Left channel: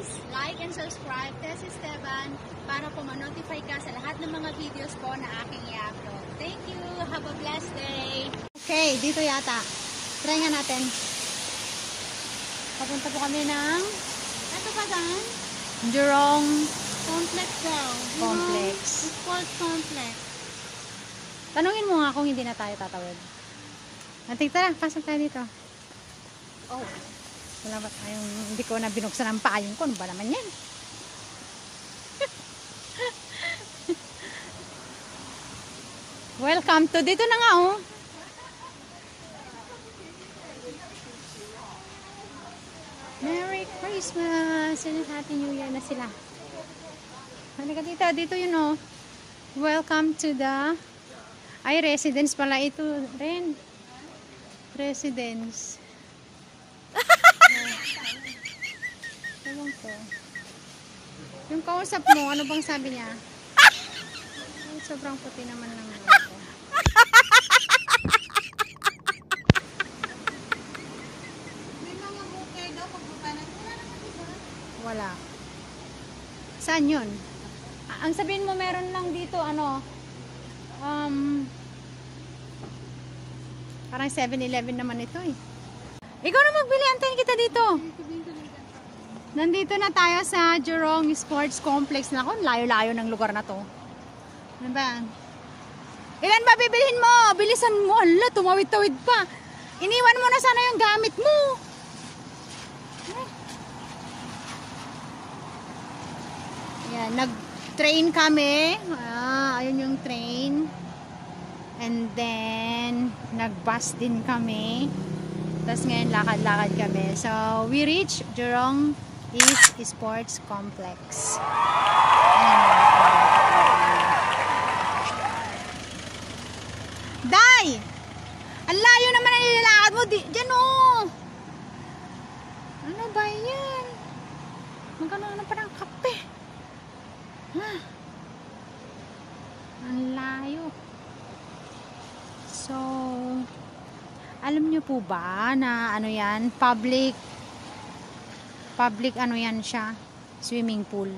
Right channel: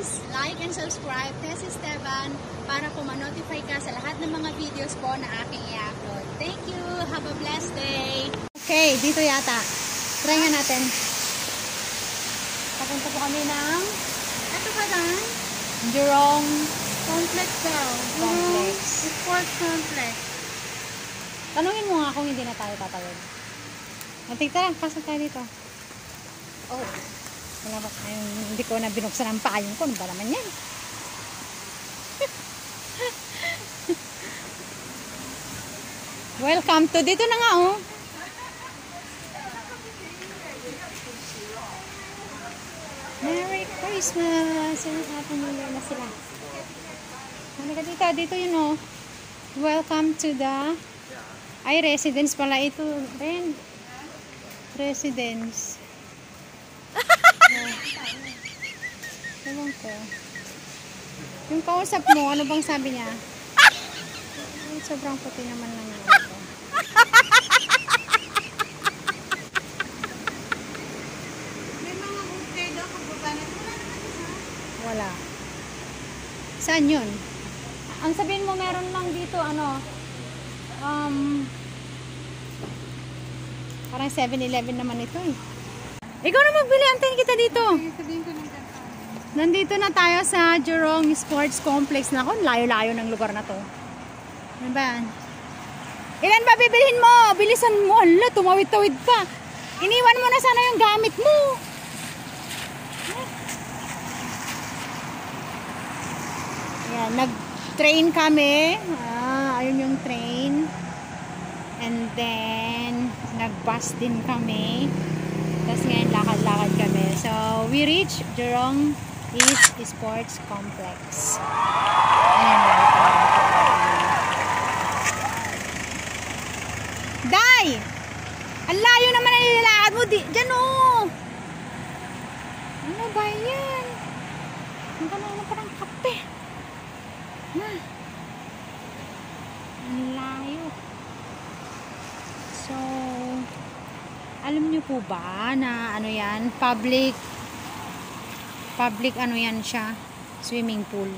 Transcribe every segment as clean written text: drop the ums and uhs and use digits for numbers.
please like and subscribe Tess Esteban para po ma-notify ka sa lahat ng mga videos po na aking i-upload. Thank you! Have a blessed day! Okay, dito yata. Try nga natin. Papunta po kami ng ito pa lang? Jurong Complex daw. Complex. Sports Complex. Tanungin mo nga kung hindi na tayo tatawid. Tara, pasok tayo dito. Oh. Wala ba tayong, hindi ko na binuksan ang payong ko. Ano ba naman yan? Welcome to dito na nga oh. Merry Christmas! Sino sa atin yung na sila? Halika dito, dito yun oh. Welcome to the residence pala ito rin. Residence. Ewan ko. Yung kausap mo, ano bang sabi niya? Sobrang puti naman lang ito. May mga okay daw pag wala. Saan yun? Ang sabihin mo meron lang dito ano parang 7-Eleven naman ito eh. Ikaw na magbili, antayin kita dito. Nandito na tayo sa Jurong Sports Complex. Nako, layo-layo ng lugar na to. Ano ba? Ilan ba bibilhin mo? Bilisan mo. Hala, tumawid-tawid pa. Iniwan mo na sana yung gamit mo. Yan, nag-train kami. Ayun yung train. And then, nag-bus din kami. Tapos ngayon, lakad-lakad kami. So, we reach Jurong East Sports Complex. Day! Ang layo naman ang nilalakad mo. Diyan oh! Ano ba yan? Magkano na parang kape. Ang layo. So, alam niyo po ba na ano yan? Public ano yan siya? Swimming pool.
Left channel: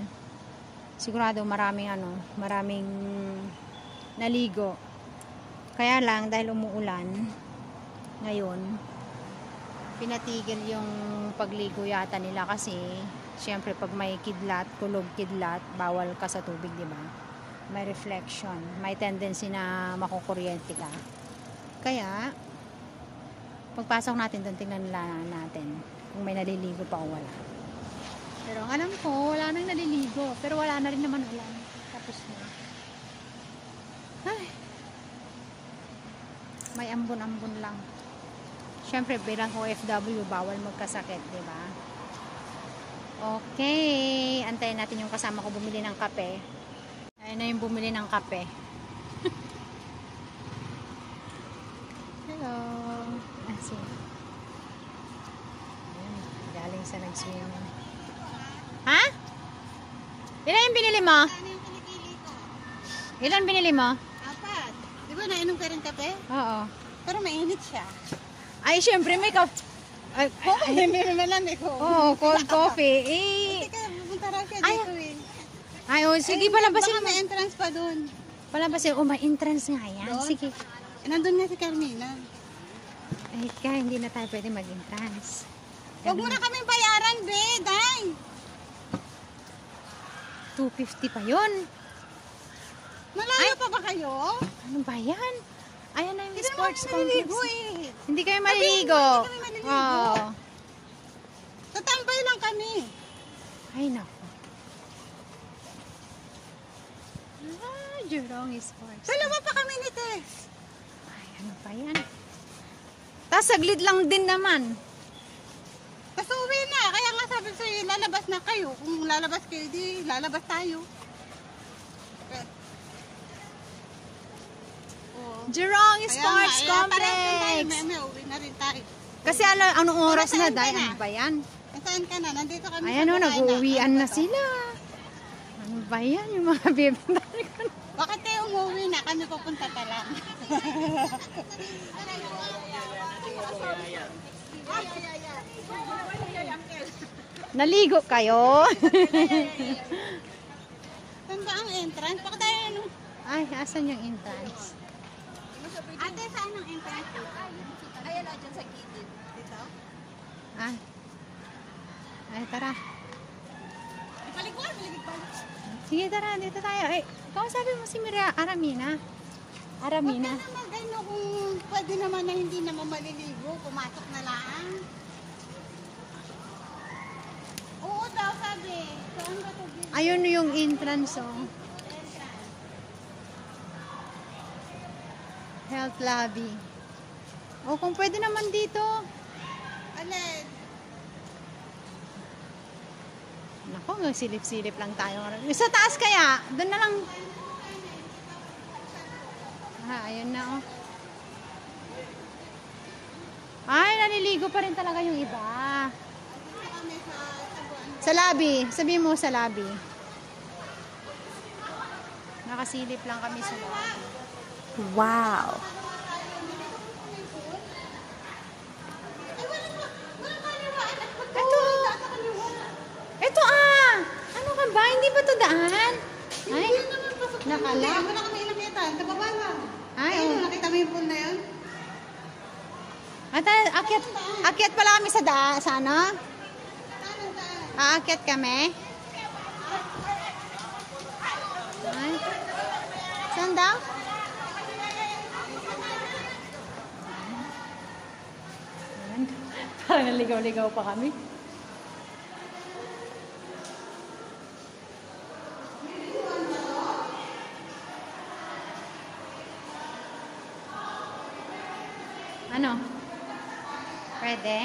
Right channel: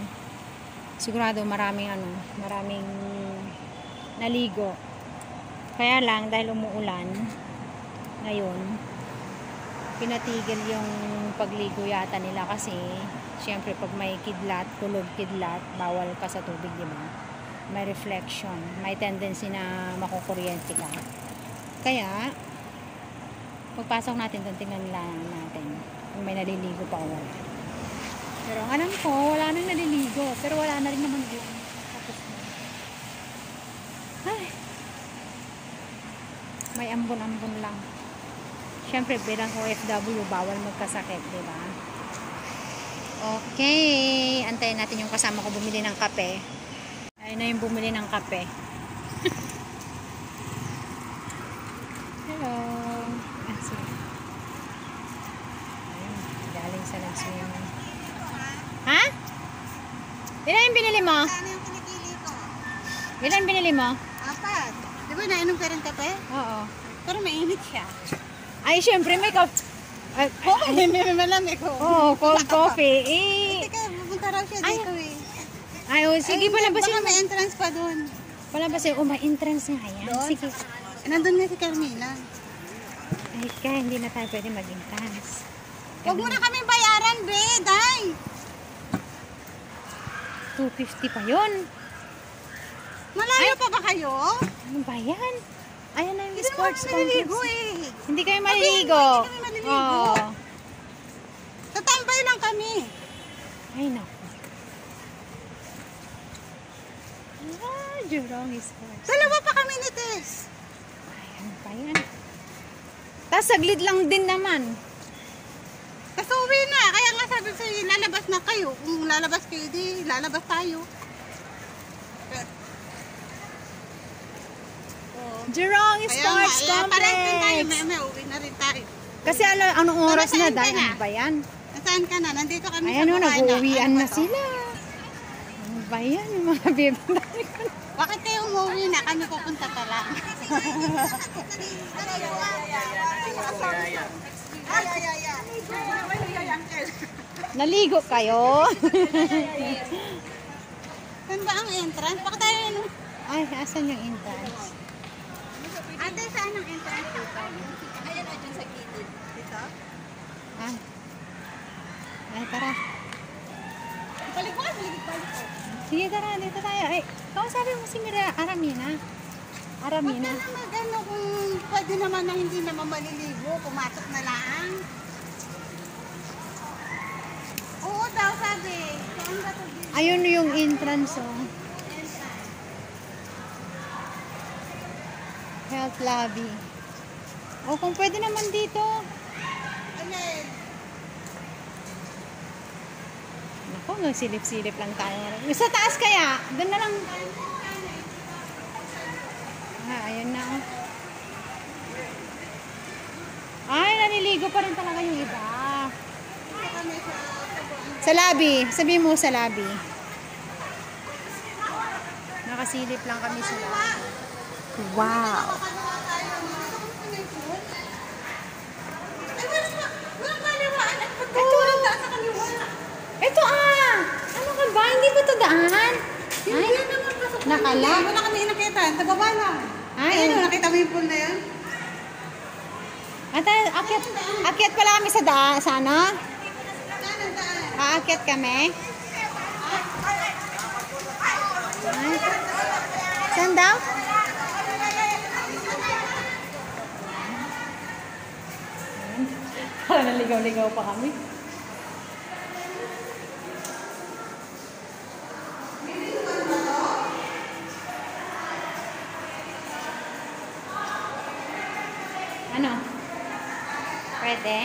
Sigurado maraming naligo. Kaya lang dahil umuulan ngayon, pinatigil yung pagligo yata nila kasi syempre pag may kidlat, hulog kidlat, bawal ka sa tubig, di ba? May reflection, may tendency na makukuryente ka. Kaya pagpasok natin doon, tingnan natin kung may naliligo pa o wala. Pero ang alam ko, wala nang naliligo. Pero wala na rin naman ulan. Tapos na. Ay. May ambon-ambon lang. Siyempre, bilang OFW, bawal magkasakit, di ba? Okay. Antayin natin yung kasama ko bumili ng kape. Ayun na yung bumili ng kape. Hello. Galing sa nag-swimming. Ha? Ilan yung binili mo? Ilan binili mo? Apat. Di ba nainom ka rin kape? Oo. Pero mainit siya. Ay, syempre may cold. Malamig ko. Oo, cold coffee. Teka, pupunta raw siya dito eh. Ay, oh, sige, palabasin Baka mo. may entrance pa dun. Palabasin. Oh, may entrance nga yan. Doon? Sige. Nandun nga si Carmina. Ay, kaya hindi na tayo pwede mag-entrance. Huwag mo na kaming bayaran, be, day. 250 pa yun. Malayo pa ba kayo? Ano ba yan? Ayan na yung Hindi sports naman maliligo complex. eh. Hindi kayo maliligo. Hindi kami maliligo. Oo. Tatambay lang kami. Ay, naku. Jurong Sports. Dalawa pa kami ni Tess. Ay, ano ba yan? Tapos saglit lang din naman. Tapos uwi na. Kaya nga sabi ko sa'yo, lalabas na kayo. Kung lalabas kayo, di lalabas tayo. Jurong Kaya Sports nga, parang din tayo. Complex. May uwi na rin tayo. Kasi anong oras Para na saan ka dahil? na? Ano ba yan? Nasaan ka na? Nandito kami Ayan o, sa Buhana. nag-uwian Ano na ba to? sila. Ano ba yan? Yung mga bebe. Bakit kayo umuwi na? Kami pupunta pa lang. Ay, Naligo kayo? Saan ba ang entrance? Baka tayo ano? Ay, asan yung entrance? Ate, saan ang entrance? Ayan o, dyan sa gilid. Ito? Ay. Ay, tara. Balik mo, balik tayo. Sige, tara, dito tayo. Ay, sabi mo si Mira, Aramina. Aramina. Huwag ka na mag-ano kung pwede naman na hindi na pa maliligo, pumasok na lang. Oo daw, sabi. Saan ba ito? Ayun yung entrance, oh. Health lobby. O, kung pwede naman dito. Alin? Naku, silip-silip lang tayo. Sa taas kaya? Doon na lang. Ayun na, oh. Ay, naliligo pa rin talaga yung iba. Sa lobby. Sabi mo sa lobby. Nakasilip lang kami sa lobby. Wow. Ito ah! Ano ka ba? Hindi ba ito daan? Ay, nakala. Hindi mo na kami nakita. Sa baba lang. Ay, Ayun, nakita mo yung pool na yun? At akyat pala kami sa ano? Saan ang daan? Aakyat kami. Ay. Saan daw? Parang naligaw-ligaw pa kami. Ano? Pwede?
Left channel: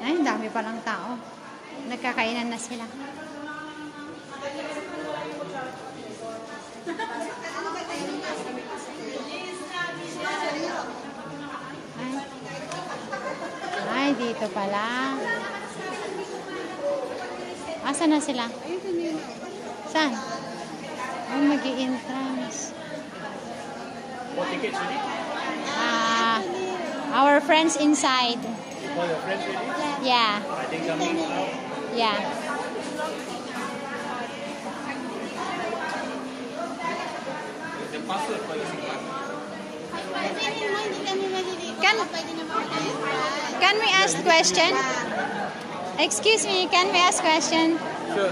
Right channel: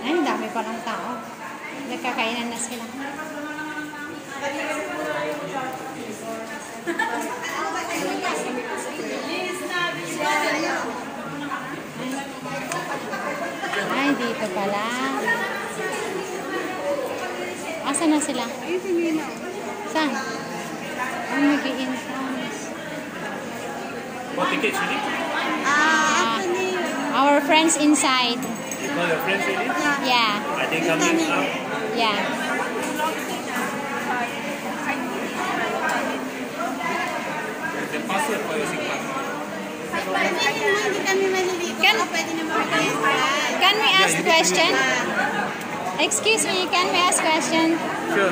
Ay, ang dami palang tao. Nagkakainan na sila. Ay, dito pala. Asa na sila? Saan? Ang mag-i-entrance. What tickets you need? Our friends inside. Your friends you need? Yeah. Are they coming up? Yeah. And password for your SIM card. Hindi kami maliligo. Pwede naman tayo. Can we ask question? Excuse me, can we ask question?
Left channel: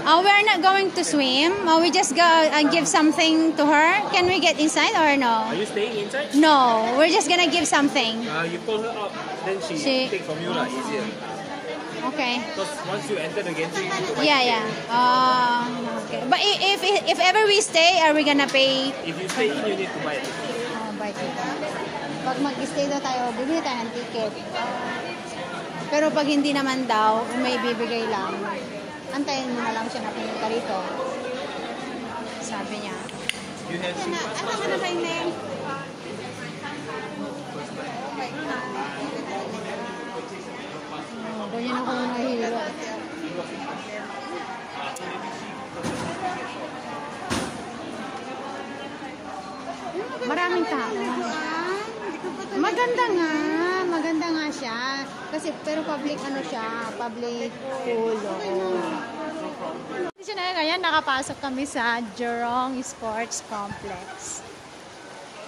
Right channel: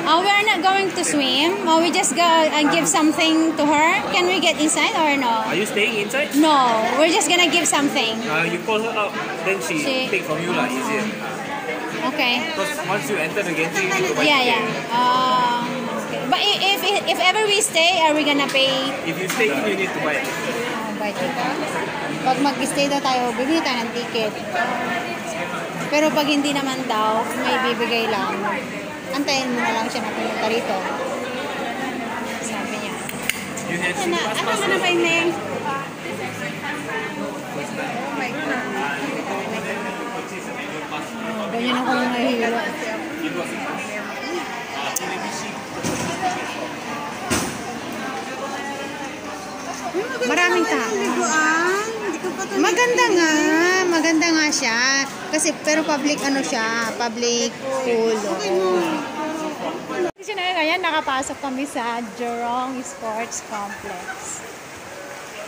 We're not going to swim. We just go and give something to her. Can we get inside or no? Are you staying inside? No, we're just gonna give something. You call her out, then she take from you lah, easier. Okay. Because once you enter the gantry, you need to buy Yeah. ticket. But if ever we stay, are we gonna pay? If you stay in, you need to buy it. Buy ticket. Pag mag-stay daw tayo, bibili tayo ng ticket. Pero pag hindi naman daw, may bibigay lang. Antayin mo na lang siya na pumunta rito. Sabi niya. You have SIM pass Ano password. na ba yung name? First time. Oh my God. Ganyan ako nang nahihilo. You got SIM pass? Let me see. Maraming tao. Liguan. Hindi ko pa ito Maganda nga siya. Kasi, pero public ano siya, public pool. Kasi na ngayon, nakapasok kami sa Jurong Sports Complex.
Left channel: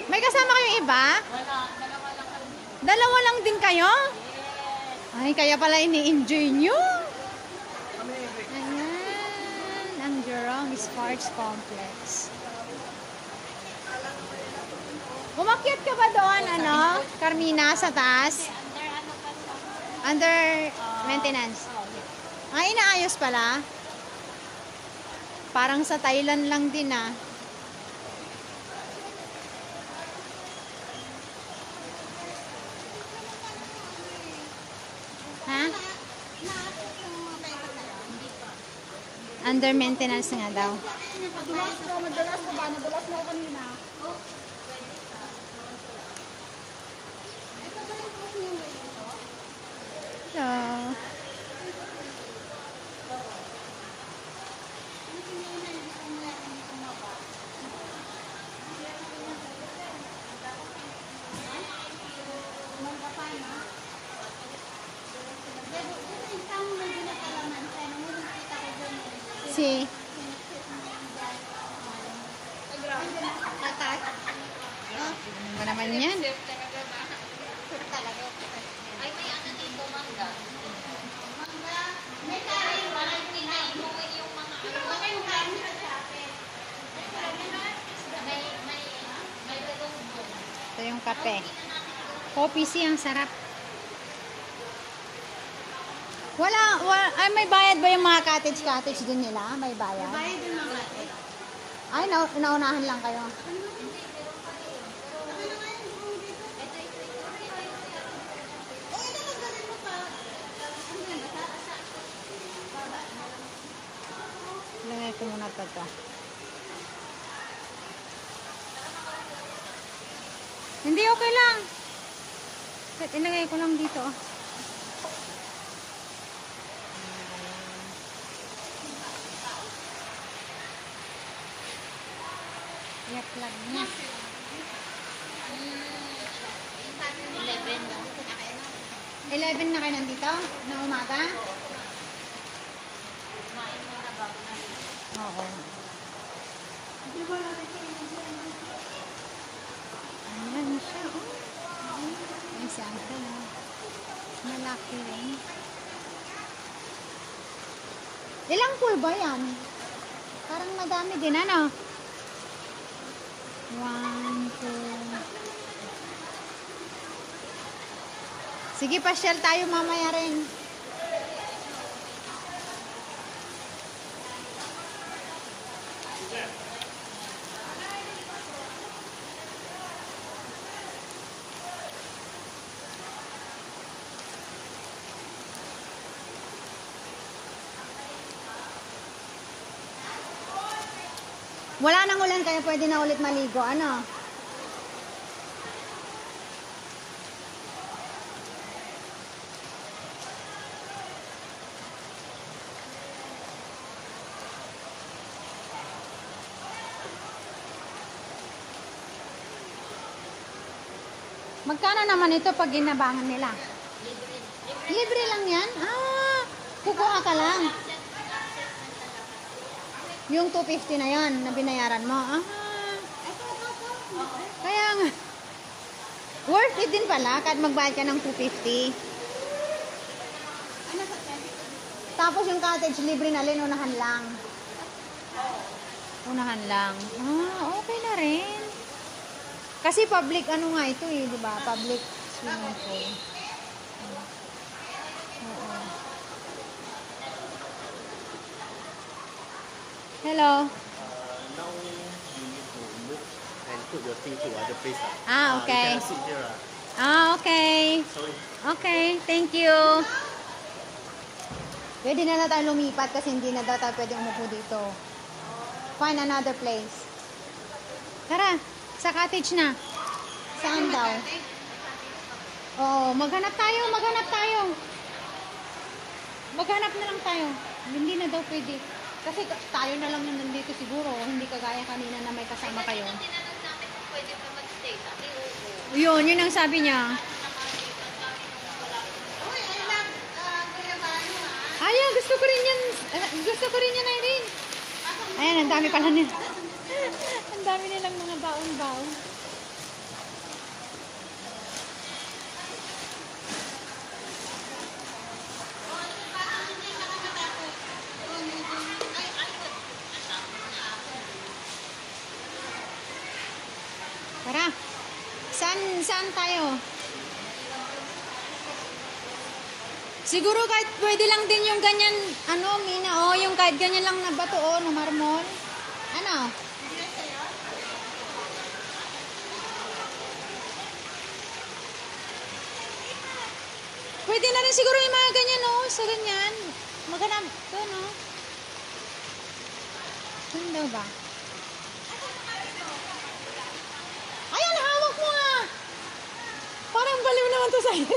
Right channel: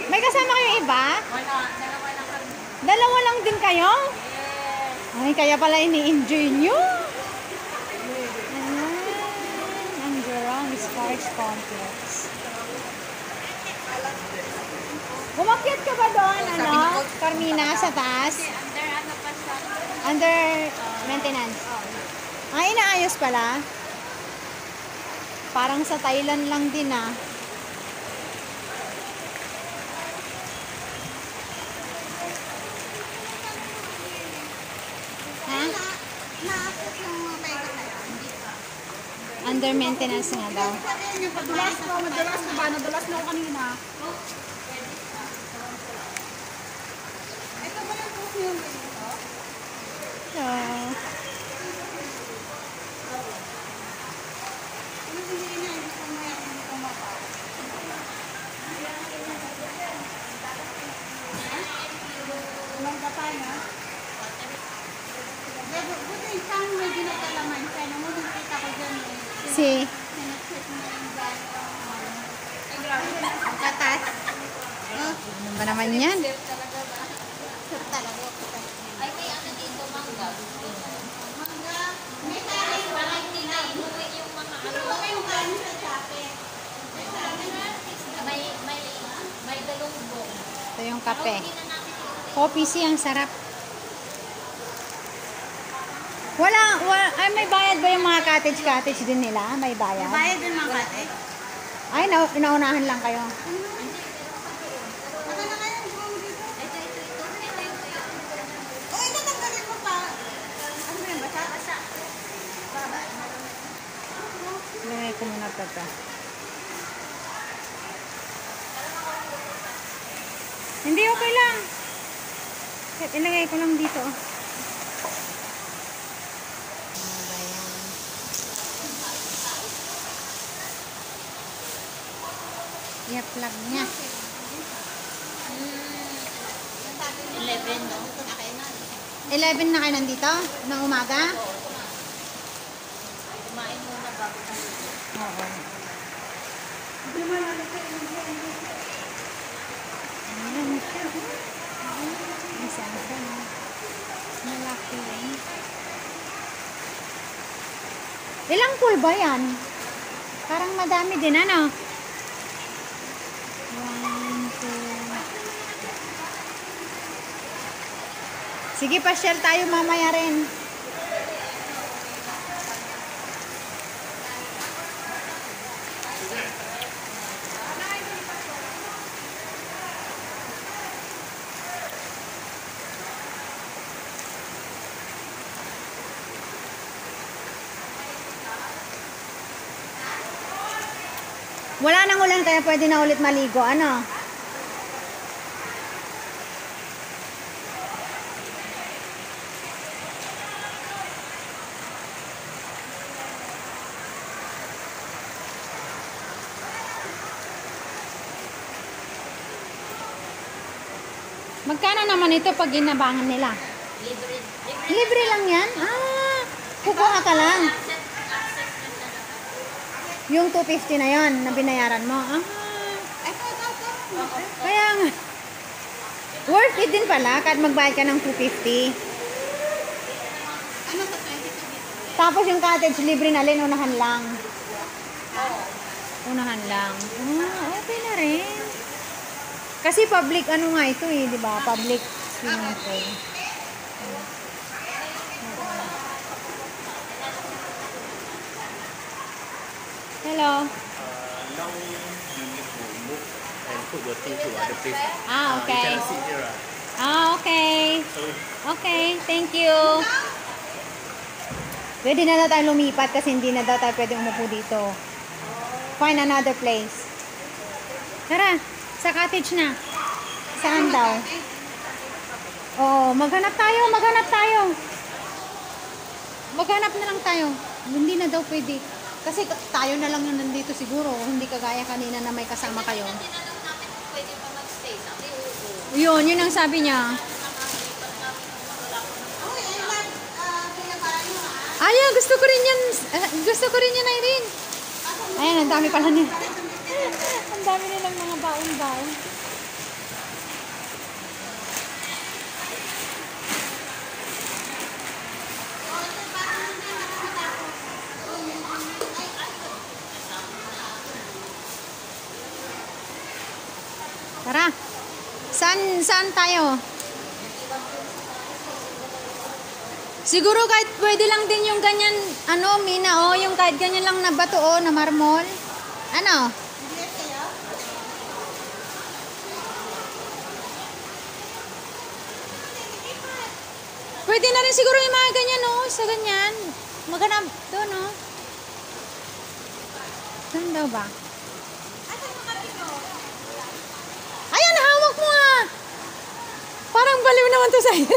May kasama kayong iba? Wala, dalawa lang kami. Dalawa lang din kayo? Ay, kaya pala ini-enjoy nyo. Ayan, ang Jurong Sports Complex. Umakyat ka ba doon, Carmina, sa taas? Under maintenance. Ay, inaayos pala. Parang sa Thailand lang din ah. Ha? Naapos yung may kasalanan. Under maintenance nga daw. Sabihin niyo, pag madalas na ba? Nadalas na ako kanina. Ito ba yung post niyo dito? Hello. Ano hindi na, hindi ko may ako minsan may dinagalaman siya. Nung nakita ko dyan eh. Si, Sinipsip mo yung dahil. Ay, grabe. Ang katas. ano ba naman yan? Talaga. Ay, may ano dito, mangga. Mangga. May kanin, parang tinay. Yung mga ano. Yung kanin sa sape. May galunggong. Ito yung kape. Coffee siya, ang sarap. Ay, may bayad ba yung mga cottage din nila? May bayad? Bayad din mga kate. Ay, naunahan lang kayo. Ano na kayo? Buong dito. Eh, natanggalin mo pa. Ano ba yung basa? Ilagay ko muna pa ito. Hindi, okay lang. Ilagay ko lang dito. I-plug niya. 11 na kayo nandito? Ng umaga? Oo. Ayan siya. Isang ka na. Malaki rin. Ilang pool ba yan? Parang madami din, ano? 1, 2. Sige, pasyal tayo mamaya rin. Wala nang ulan kaya pwede na ulit maligo. Ano? Magkano naman ito pag ginabangan nila? Libre lang yan? Ah, kukuha ka lang. Yung 250 na yon na binayaran mo. Ah, kaya nga. Worth it din pala kahit magbayad ka ng 250. Ano sa 22 dito? Tapos yung cottage libre na rin, unahan lang. Unahan lang. Ah, okay na rin. Kasi public ano nga ito eh, di ba? Public swimming pool. Hello. Now you need to move and put your thing to other place. Ah, okay. You can sit here. Ah, okay. So Okay, thank you. Pwede na daw tayo lumipat kasi hindi na daw tayo pwede umupo dito. Find another place. Tara, sa cottage na. Saan daw? Oh, maghanap tayo, maghanap tayo. Maghanap na lang tayo. Hindi na daw pwede. Kasi tayo na lang yun nandito siguro. Hindi kagaya kanina na may kasama kayo. Yun ang sabi niya. Ay, gusto ko rin yan. Gusto ko rin yan, Irene. Ayan, ang dami pala nila. Ang dami nilang mga baon-baon. Tara. Saan tayo? Siguro kahit pwede lang din yung ganyan, ano, Mina, oh, yung kahit ganyan lang na bato, oh, na marmol. Ano? Pwede na rin siguro yung mga ganyan, oh, sa ganyan. Maghanap doon, oh. Doon daw ba? Ayan, hawak mo, ah. Parang baliw naman to sa'yo.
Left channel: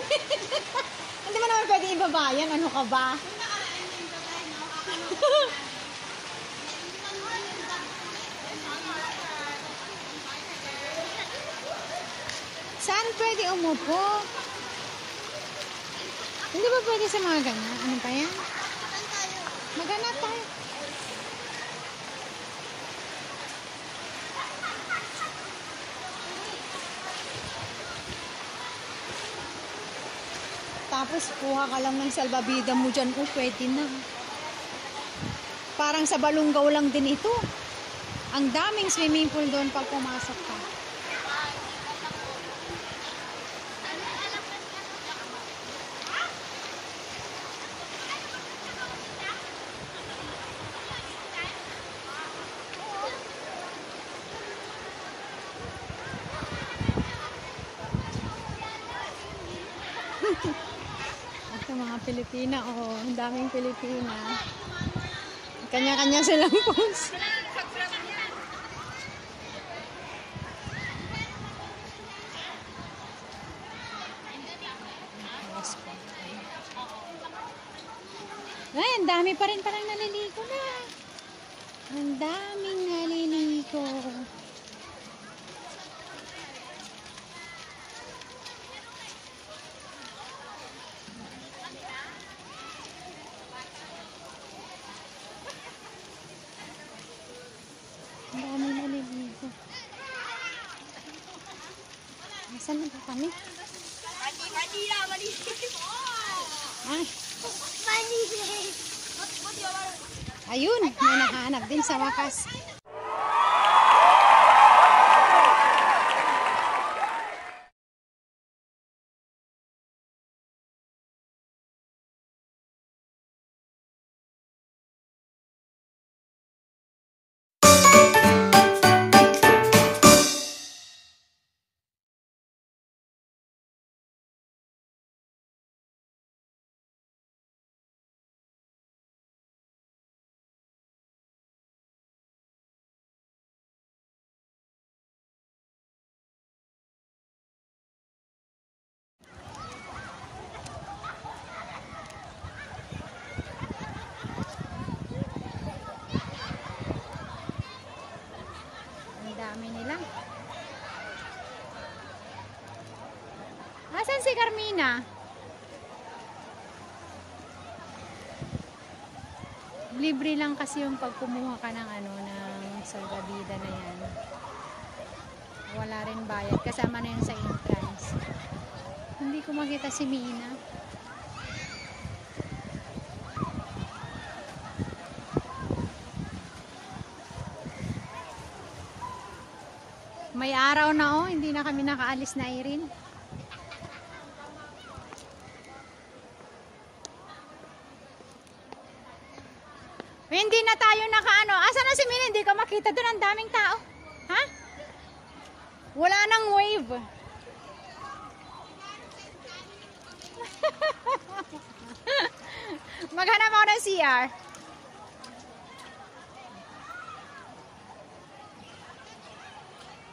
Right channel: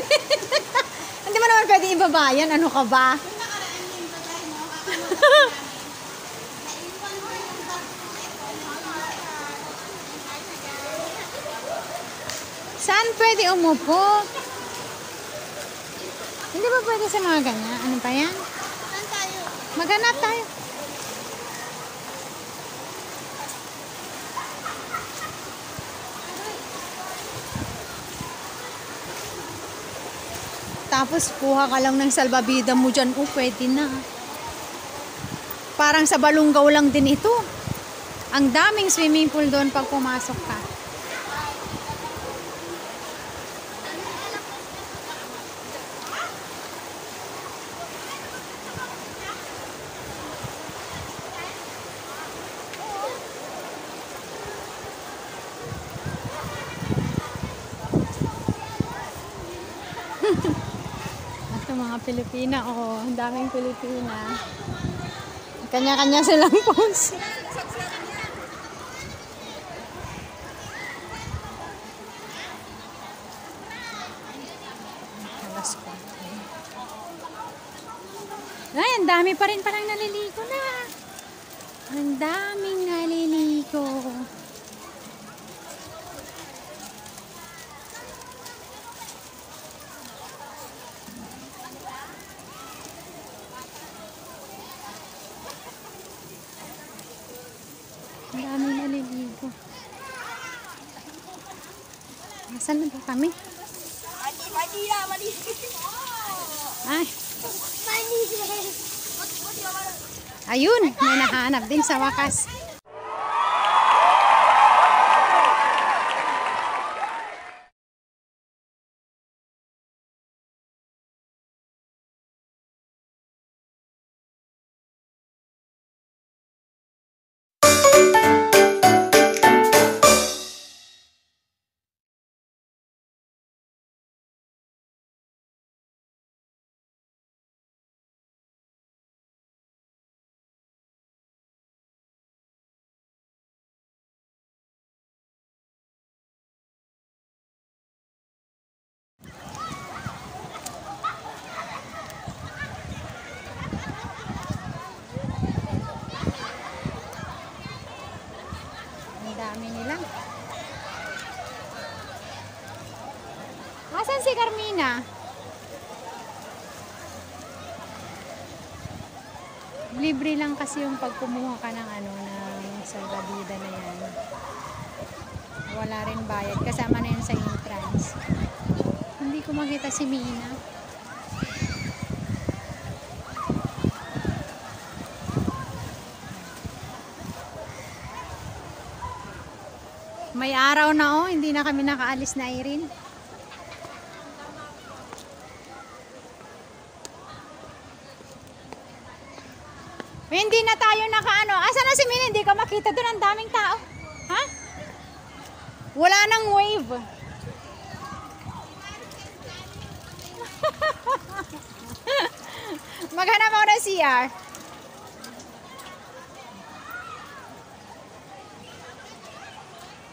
Hindi mo naman pwede ibaba yan. Ano ka ba? Saan pwede umupo? Hindi ba pwede sa mga ganyan? Ano pa yan? Saan tayo? Maghanap tayo. Tapos kuha ka lang ng salbabida mo dyan. Oh, pwede na. Parang sa Balungaw lang din ito. Ang daming swimming pool doon pag pumasok ka. Ito mga Pilipina, oh, ang daming Pilipina. Kanya-kanya silang pose. Ay, ang dami pa rin parang naliligo na. Ang daming naliligo. Ang daming naliligo. Nasaan na ba kami? Mali na, mali. Ay, Mali. ayun, may nahanap din sa wakas. Ang dami nila. Asan si Carmina? Libre lang kasi yung pag kumuha ka ng ano, ng salbabida na yan. Wala rin bayad. Kasama na yun sa entrance. Hindi ko makita si Mina. May araw na oh, hindi na kami nakaalis na Irene. Hindi na tayo nakaano. Asa na si Mina? Hindi ko makita doon, ang daming tao. Ha? Wala nang wave. Maghanap ako ng CR.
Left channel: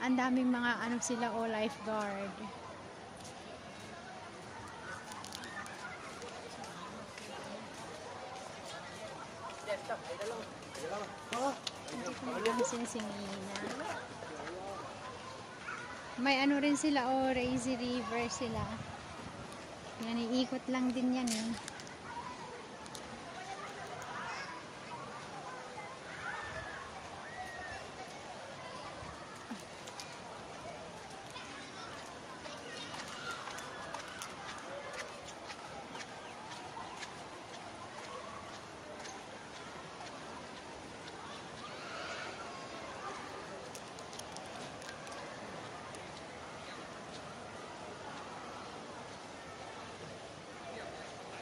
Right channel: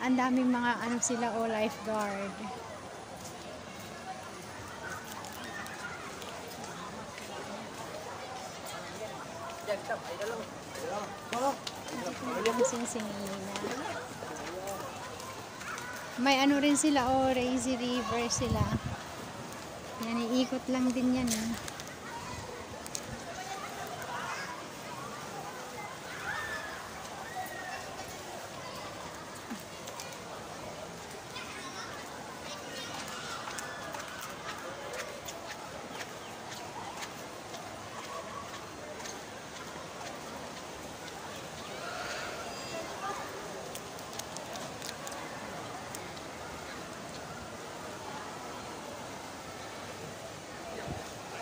Ang daming mga ano sila o lifeguard. May ano rin sila o Lazy River sila. Yan, iikot lang din yan eh.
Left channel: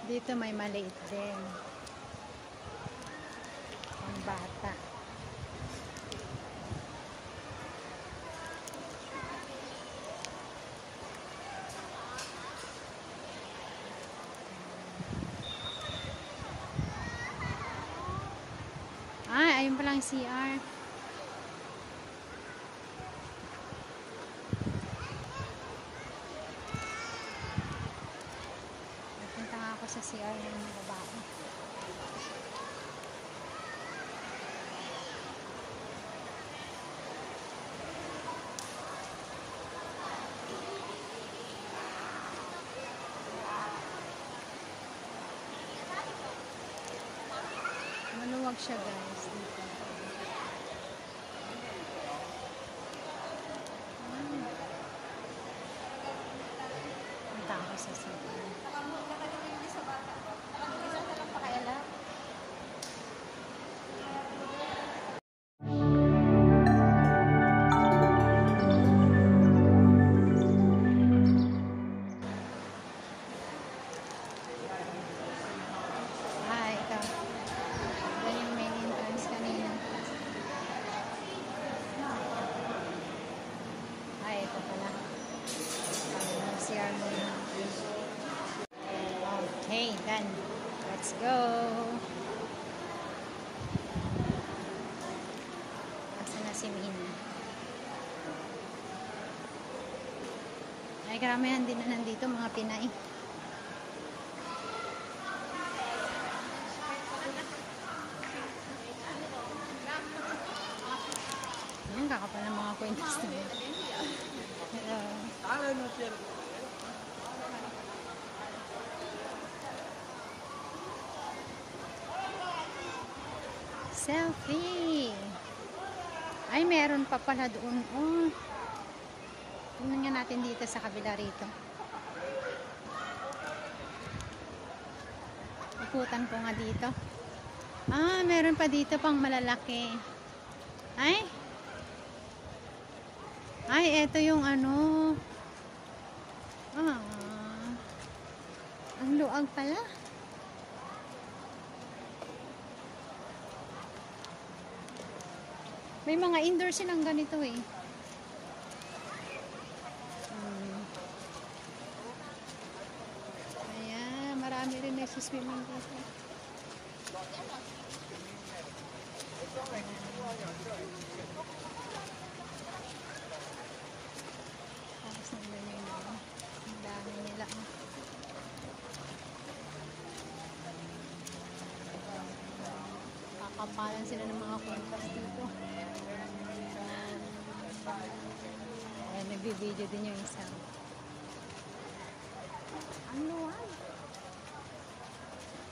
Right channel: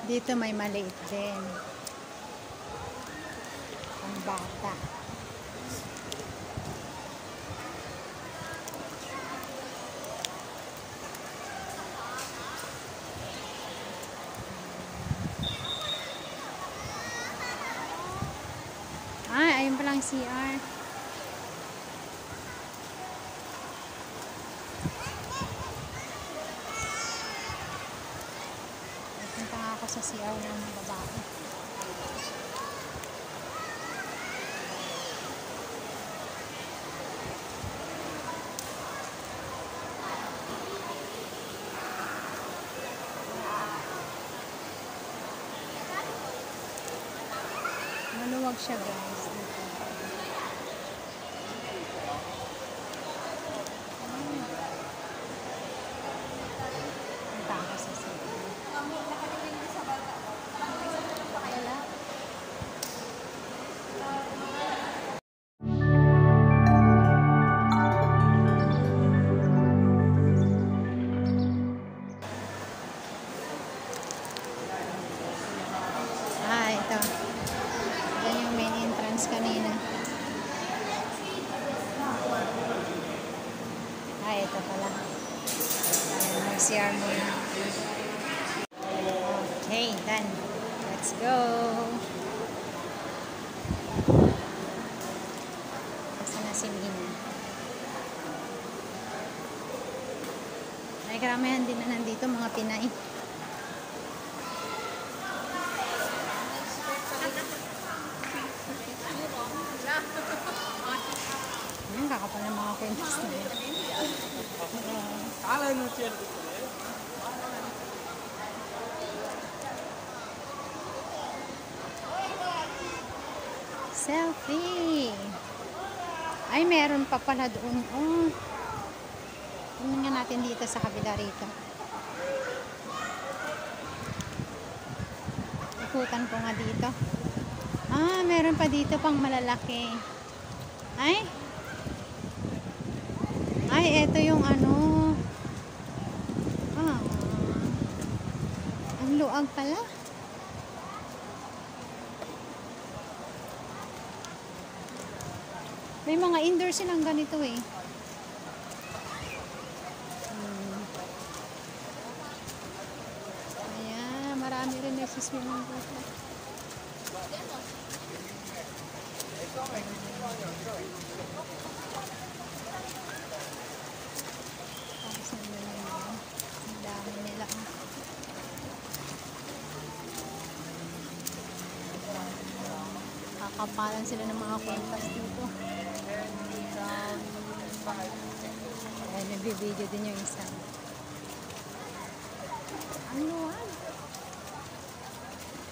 Dito may maliit din. Ang bata. Ah, ayun palang CR. Sa CR ng mga babae. Malawag siya, guys. Ang takas sa sila. Ito. Yan yung main entrance kanina. Ito pala. Mag-CR muna. Okay, done. Let's go. Asa na si Mina? Ay, karamihan din na nandito, mga Pinay. Kakapal ng mga kwentes na yun. Selfie! Ay, meron pa pala doon. Oh. Tingnan nga natin dito sa kabila rito. Ikutan ko nga dito. Ah, meron pa dito pang malalaki. Ay, eto yung ano. Ang luag pala. May mga indoor silang ganito eh. Ayan, marami rin nagsiswimming dito. Kakapalan sila ng mga kwentas dito. Ayan, nag-video din yung isa. Ano?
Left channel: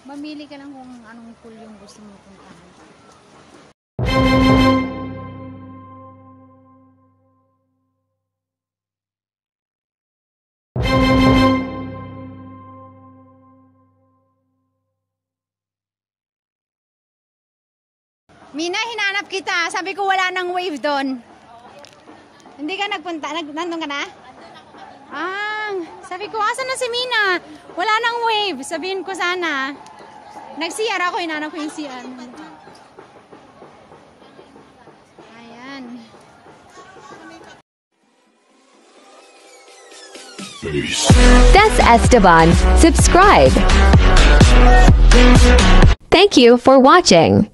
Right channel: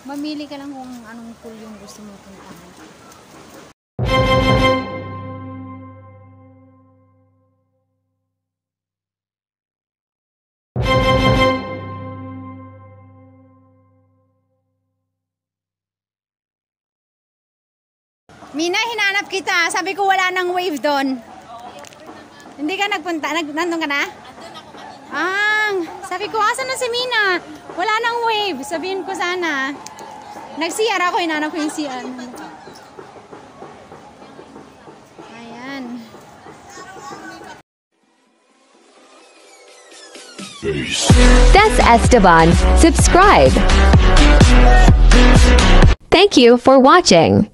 Mamili ka lang kung anong pool yung gusto mo puntahan. Mina, hinanap kita. Sabi ko wala nang wave doon. Hindi ka nagpunta? Nandun ka na? Sabi ko, asan na si Mina? Wala nang wave. Sabihin ko sana. Nag-CR ako, hinanap ko yung CR. Ayan. That's Esteban. Subscribe. Thank you for watching.